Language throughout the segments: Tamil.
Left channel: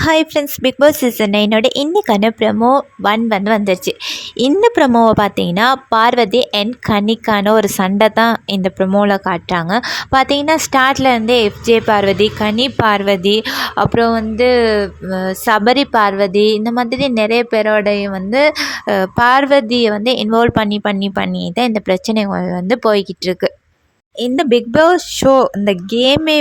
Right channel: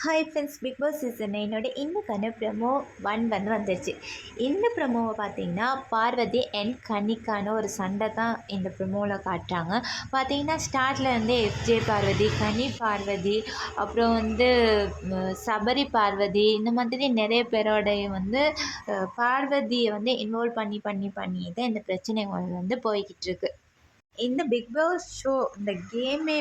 Hi friends, Bigg Boss season 9 இன்றைக்கான ப்ரமோ 1 வந்துருச்சு. இந்த ப்ரமோவை பார்த்தீங்கன்னா பார்வதி அண்ட் கனிக்கான ஒரு சண்டை தான் இந்த ப்ரமோவில் காட்டுறாங்க. பார்த்தீங்கன்னா ஸ்டார்ட்லேருந்தே எஃப்ஜே பார்வதி, கனி பார்வதி, அப்புறம் சபரி பார்வதி, இந்த மாதிரி நிறைய பேரோடையும் பார்வதியை இன்வால்வ் பண்ணி தான் இந்த பிரச்சனை போய்கிட்டு இருக்கு. இந்த பிக் பாஸ் ஷோ இந்த கேமே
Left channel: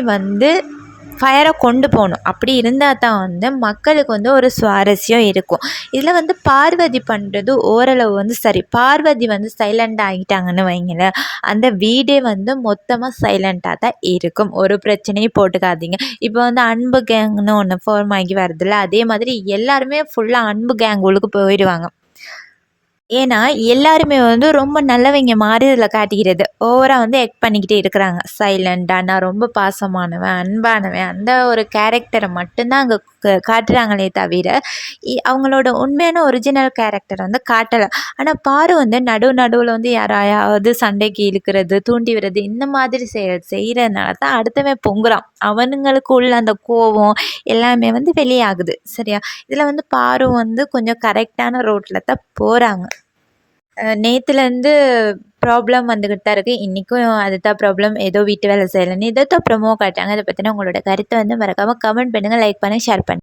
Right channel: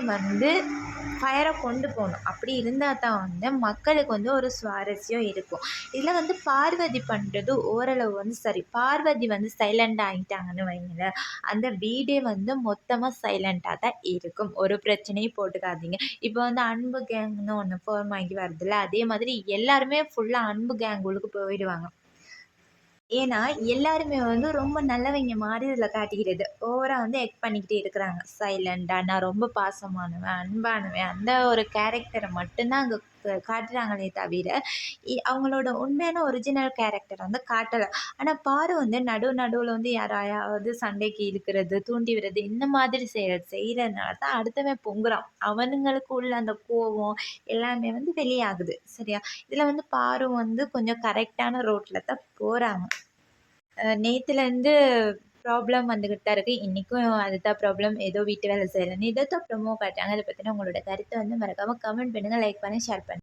ஃபயராக கொண்டு போகணும். அப்படி இருந்தால் தான் மக்களுக்கு ஒரு சுவாரஸ்யம் இருக்கும். இதில் பார்வதி பண்ணுறது ஓரளவு சரி. பார்வதி சைலண்ட் ஆகிட்டாங்கன்னு வைங்களேன், அந்த வீடே மொத்தமாக சைலண்ட்டாக தான் இருக்கும். ஒரு பிரச்சனையும் போட்டுக்காதீங்க. இப்போ அன்பு கேங்னு ஒன்று ஃபார்ம் ஆகி வருதுல்ல, அதே மாதிரி எல்லாருமே ஃபுல்லாக அன்பு கேங் உள்ளுக்கு போயிடுவாங்க. ஏன்னா எல்லாருமே ரொம்ப நல்லவங்க மாதிரி இதில் காட்டிக்கிறது. ஓவராக ஆக்ட் பண்ணிக்கிட்டே இருக்கிறாங்க. சைலண்டாக நான் ரொம்ப பாசமானவன், அன்பானவன், அந்த ஒரு கேரக்டரை மட்டும்தான் அங்கே காட்டுறாங்களே தவிர அவங்களோட உண்மையான ஒரிஜினல் கேரக்டர் காட்டலை. ஆனால் பாரு நடுவில் யாராவது சண்டைக்கு இழுக்கிறது, தூண்டி விடுறது, இந்த மாதிரி செய்கிறதுனால தான் அடுத்தவன் பொங்குறான். அவனுங்களுக்கு உள்ள அந்த கோபம் எல்லாமே வெளியாகுது. சரியா? இதில் பாரு கொஞ்சம் கரெக்டான ரோட்டில் தான் போகிறாங்க. நேற்றுலேருந்து ப்ராப்ளம் வந்துக்கிட்டு தான் இருக்குது. இன்றைக்கும் அதுதான் ப்ராப்ளம். ஏதோ வீட்டு வேலை செய்யலைன்னு இதை தான் ப்ரமோ காட்டுறாங்க. இதை பற்றின உங்களோட கருத்தை மறக்காமல் கமெண்ட் பண்ணுங்கள், லைக் பண்ணுங்கள், ஷேர் பண்ணுங்கள்.